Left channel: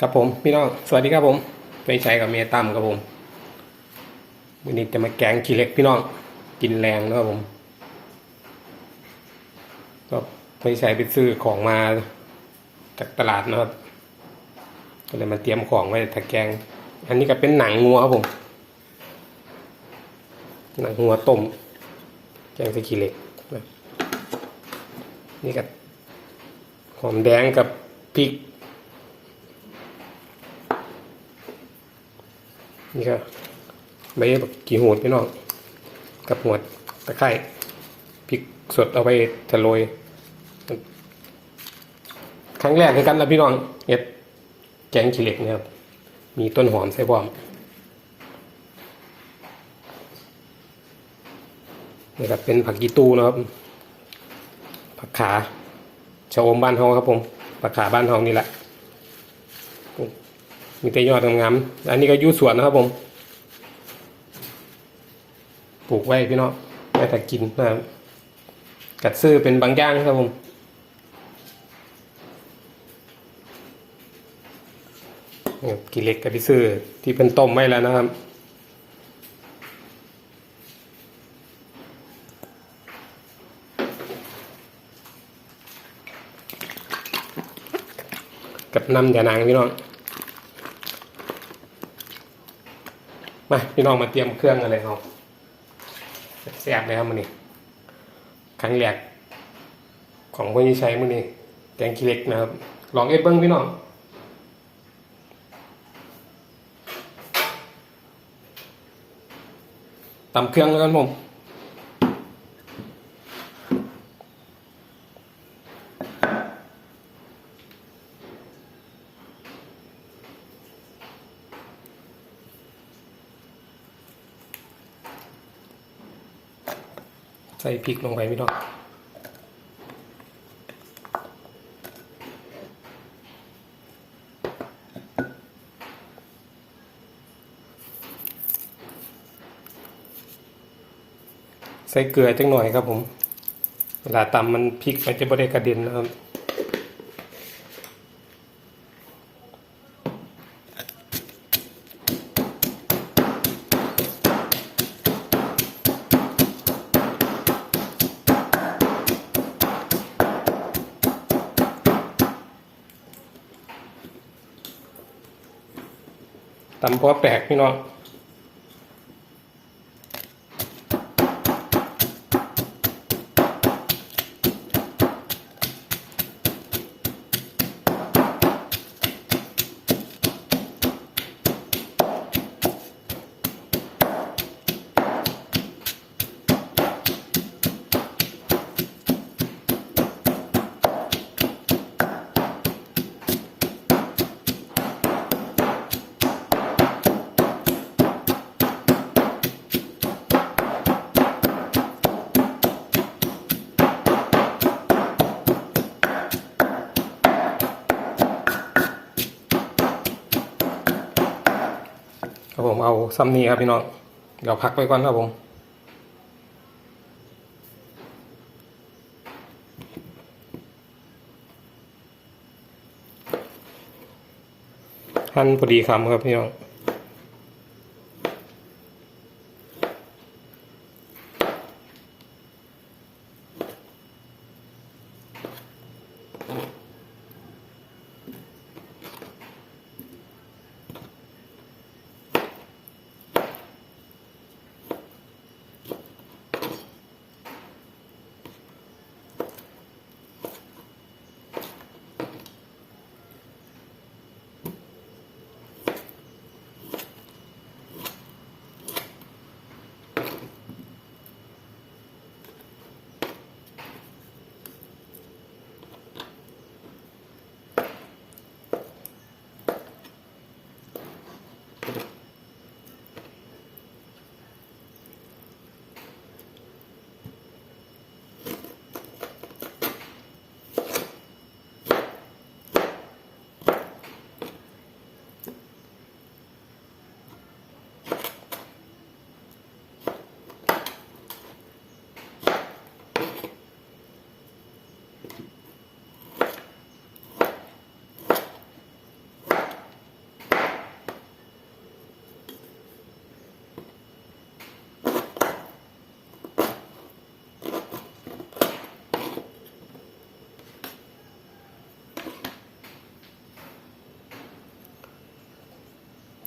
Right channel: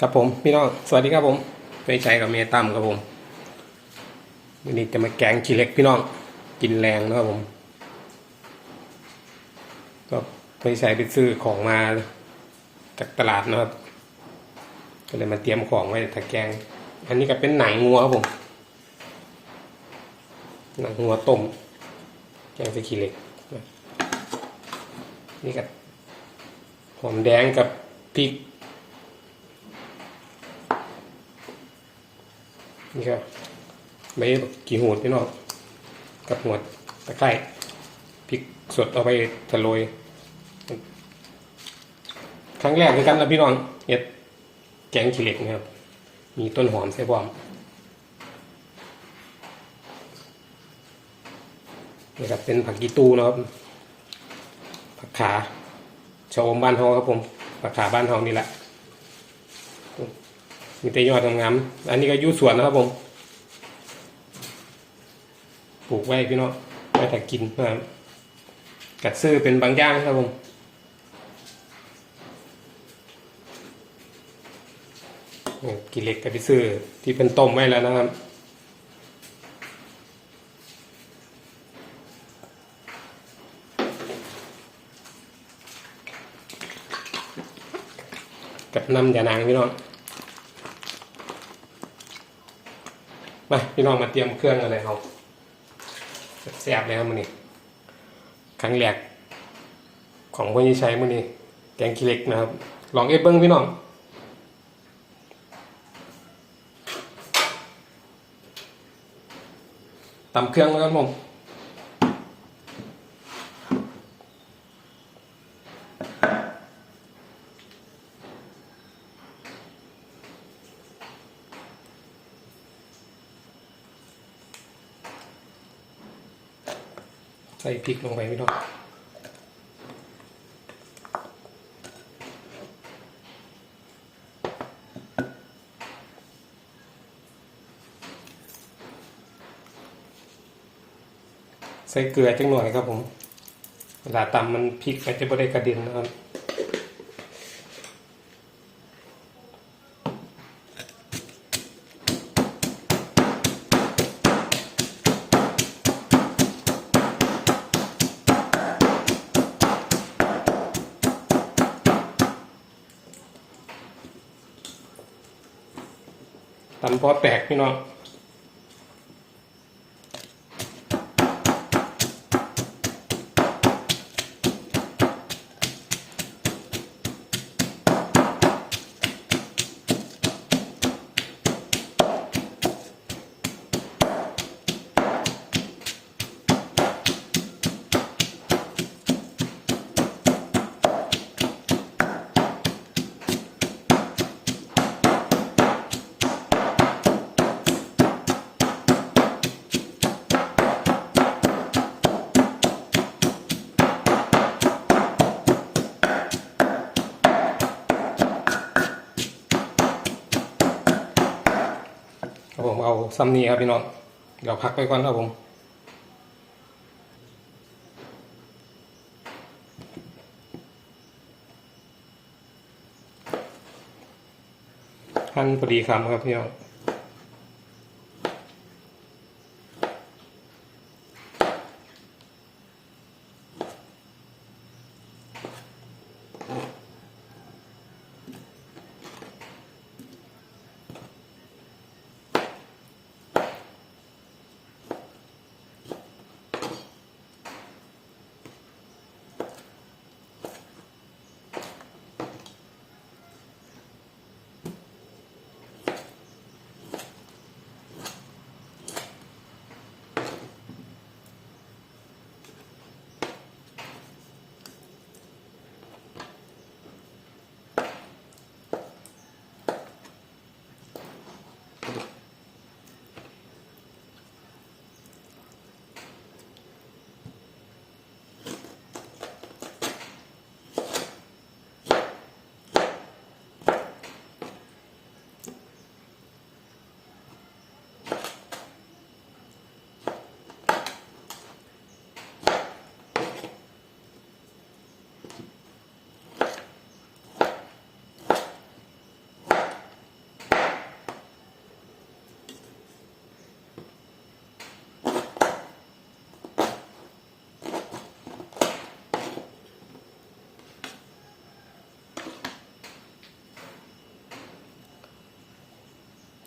ครับผมพี่น้องสวัสดีครับผมไม่ใช่กับเมียตั้มครับผมวันนี้จะมาแกงขี้เหล็กพี่น้องกินแรงนะครับผมก็ไม่ใช่ไปซื้อของมาจากตลาดนะครับ ก็เลยมาเตรียมของไว้แต่แกง อันนี้ก็เป็นหนังงัวครับผมหนังงัวต้มแกงส่ขี้เล็กนี่ก็หอมแดงกับพริก นี่ก็ใบบักกี่หูดพี่น้องกับหัวตะไคร้พริกสดเอาไปทะโรยครั้งแรกในกันนะพี่น้องเห็ดแกงขี้เหล็กนะครับ มีต้นหอมใส่พร้อมนี่ก็เป็นผักกีตูนะครับ ผักขาชะอมบ้านเฮาครับผม ผักขาบ้านเฮานี่แหละ มีแต่ยอดงามๆอันนี้ก็อยูสวนนะครับผม ปลูกไว้พี่น้องไว้แต่กินนะครับกัดซื้อเป็นบางอย่างครับผมกิเล็กกับพี่ซื้อที่เป็นต้มไว้แล้วนะครับกับน้ำยานางพี่น้อง มาพี่น้องมาเตรียมเครื่องกันเลยครับแซ่บเลยครับมือนี้ครั้งแรกของพ่อยี่ชัยมื้อนี้แกงขี้เล็กนะครับ ลองเอ็ดเบิ้งพี่น้องตำเครื่องแล้วกันผม ส่พริกลงไปพี่น้องใส่เกลือจังหน่อยครับผม เวลาตำมันพริกมันจะไม่ได้กระเด็นนะครับ ตำพอแตกพี่น้อง ผมเอาซัมนีครับพี่น้อง เดี๋ยวพักไว้ก่อนครับผมหั่นพอดีคำครับพี่น้อง 구독.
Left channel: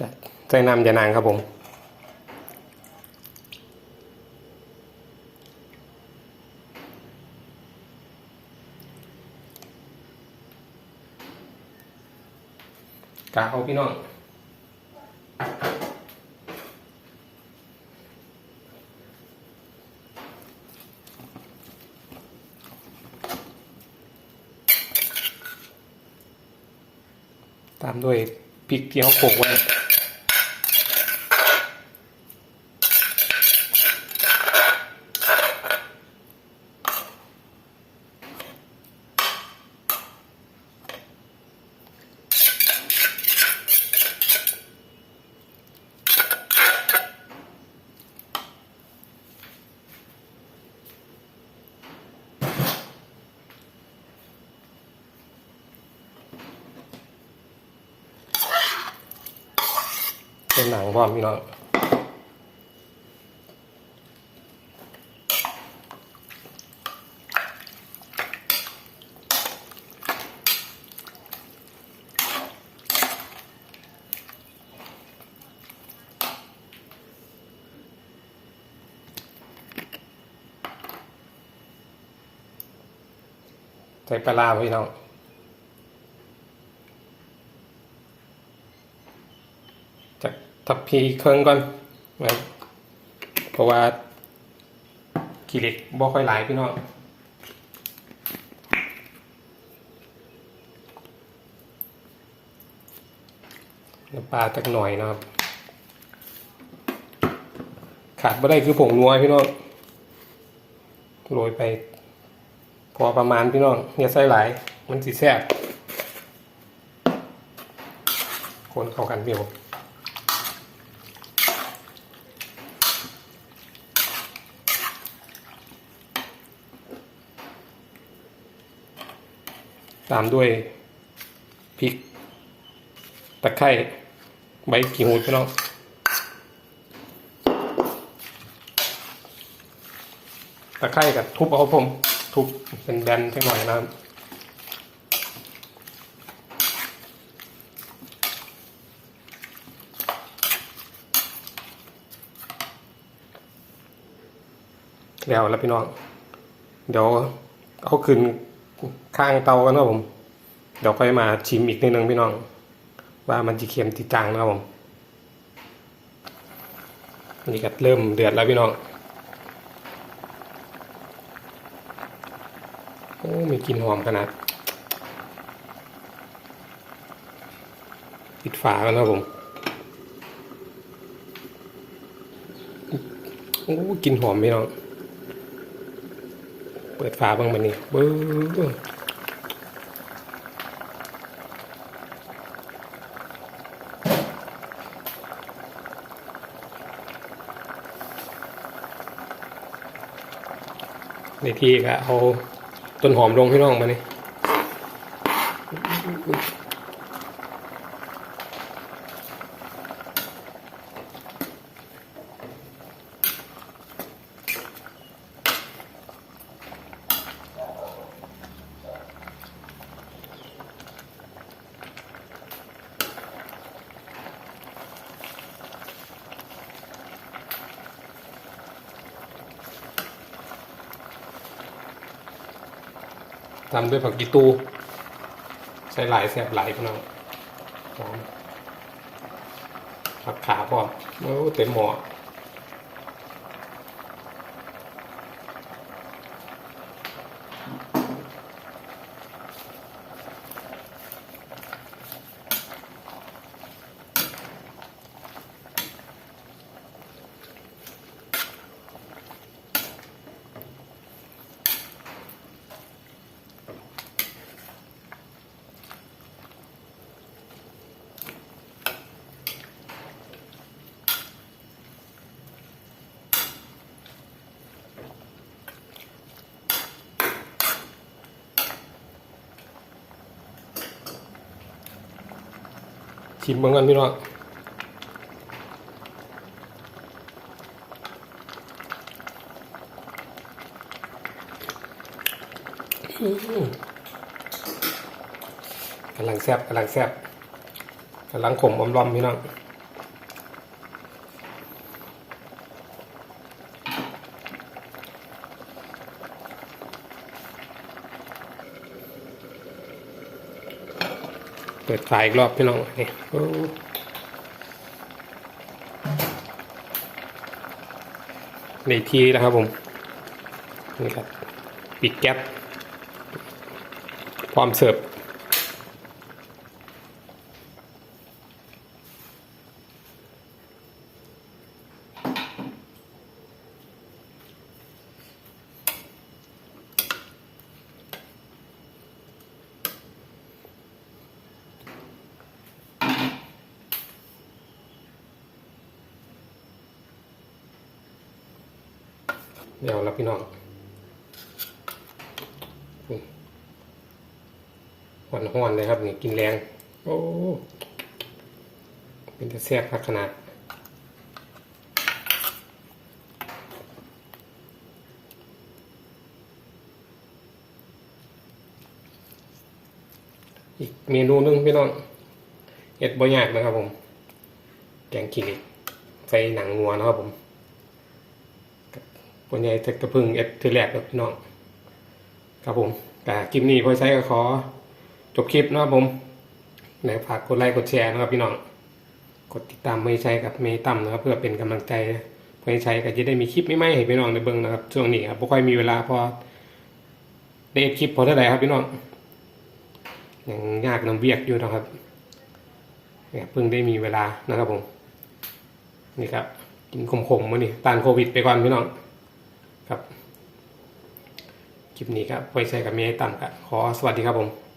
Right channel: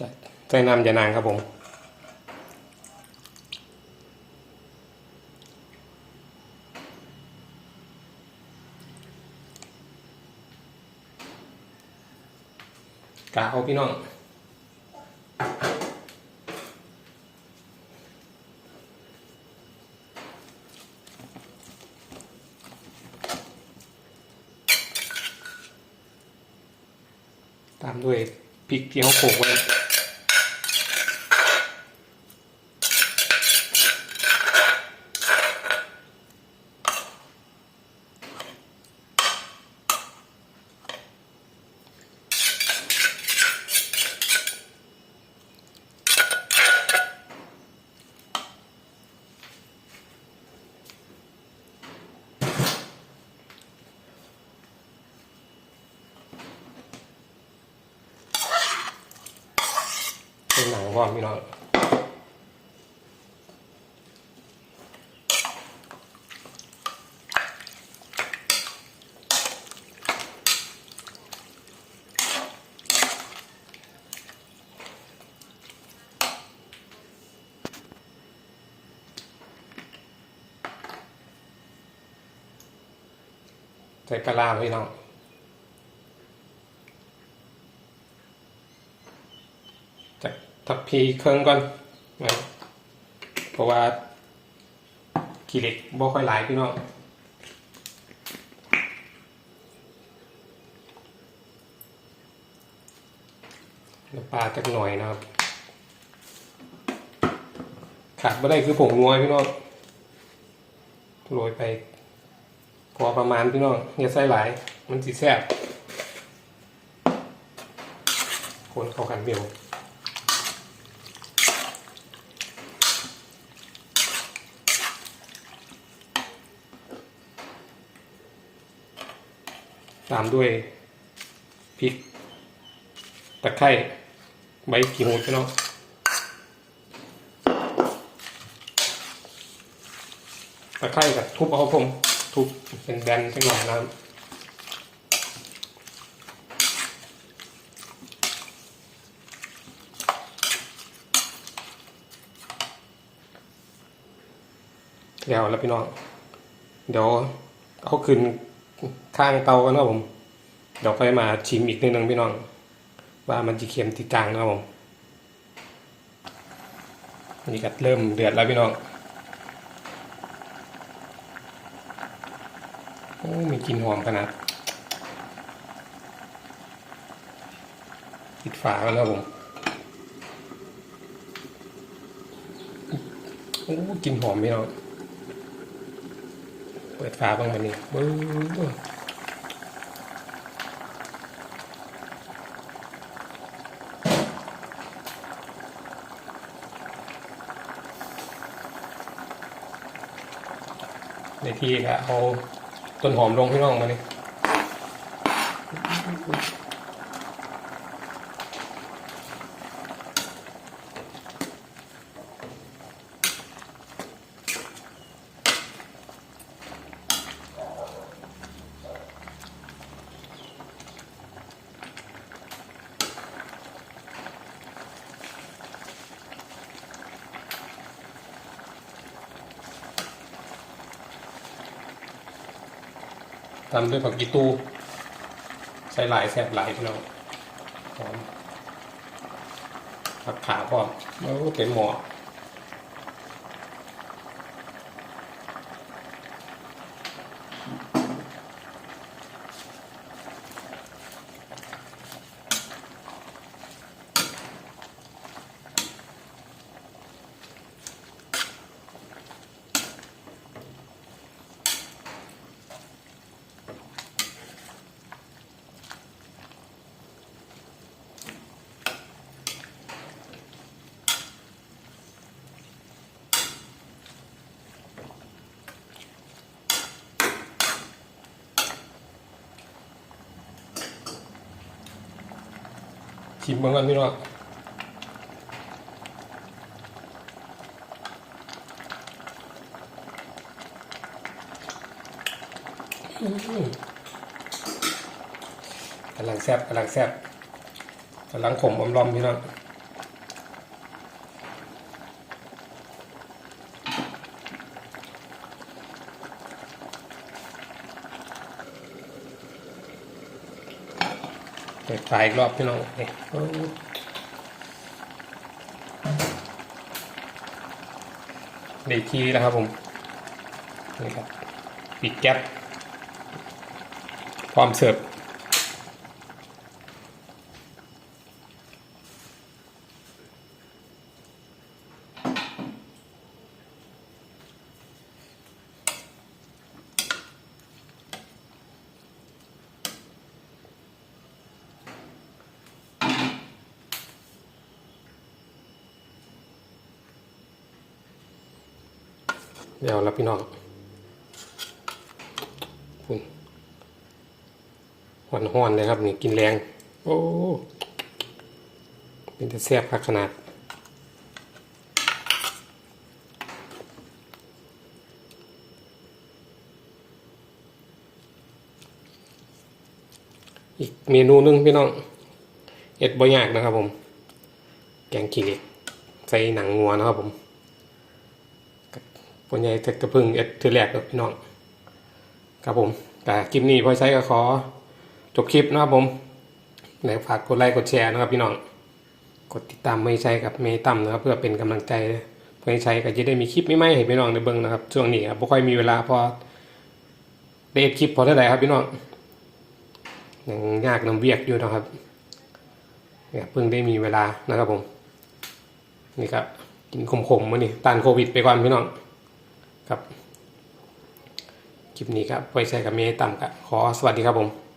จะใส่น้ำยานางครับผมกะเอาพี่น้องตามด้วยพริกที่เขาโขกไว้ เป็นหนังก่อนพี่น้องใส่ปลาร้าพี่น้อง จาก ทับพีเครื่องก่อนนะเพราะว่าขี้เหล็กบ่ค่อยหลายพี่น้องน้ำปลาจักหน่อยนะครับ ขาดไม่ได้คือผงนัวพี่น้องโรยไป พอประมาณพี่น้องอย่าใส่หลาย มันสิแซ่บคนเข้ากันเดียวามด้วยพริกตะไคร้ใบขี้หูพี่น้องตะไคร้กับทุบเอาผม ทุบเป็นแบนสักหน่อยนะครับแล้วแล้วพี่น้อง เดี๋ยวเอาขึ้น ข้างเตากันนะผม เดี๋ยวค่อยมาชิมอีกนิดนึงพี่น้อง ว่ามันจะเค็มติดจางนะครับผมนี่ก็เริ่มเดือดแล้วพี่น้องโอ้มีกลิ่นหอมขนาดปิดฝากันแล้วผมโอ้กลิ่นหอมพี่น้อง เปิดฝาบ้างมันนี่บึ้งในที่ก็เอาต้นหอมลงพี่น้องมานี่ ทำด้วยผักกีตูใส่หลายแสบหลายพี่น้องหอมผักขาพอโอ้เต็มหม้อ ชิมเหมือนกันพี่น้องกำลังแซ่บกำลังแซ่บกำลังขมอมรอมพี่น้อง เปิดขายอีกรอบพี่น้องนี่ในทีแล้วครับผมนี่ครับปิดแก๊ปความเสิร์ฟ เดี๋ยวแล้วพี่น้องหอนหอนเลยครับนี่กินแรง โอ้ เป็นจะแซ่บพักขนาดอีกเมนูหนึงพี่น้องเอ็ดบ่ยากนะครับผม แกงขี้เหล็กใส่หนังงัวนะครับผม คนใหญ่จะกระพึ่งเอ็ดทีแรกกับพี่น้องครับผมแต่คลิปนี้พอใช้ก็ขอจบคลิปนะครับผมแล้วฝากกดไลค์กดแชร์นะครับพี่น้องกดติดตามไม่ใช้กับเมย์ตั้มนะครับ เพื่อเป็นกำลังใจเพื่อให้ใช้ก็จะได้มีคลิปไม่ไม่ให้พี่น้องในเบิ้งนะครับช่วงนี้ครับไม่ค่อยมีเวลาพอได้เอ็ดคลิปพอเท่าไหร่ครับพี่น้องยังยากลำเวียกอยู่นะครับเนี่ยเพิ่งได้มีเวลานะครับผมนี่ครับกินขมๆมานี่ต้านโควิดไปก่อนพี่น้อง ครับคลิปนี้ครับไว้ใช้กับเมย์ตั้มครับขอสวัสดีครับผม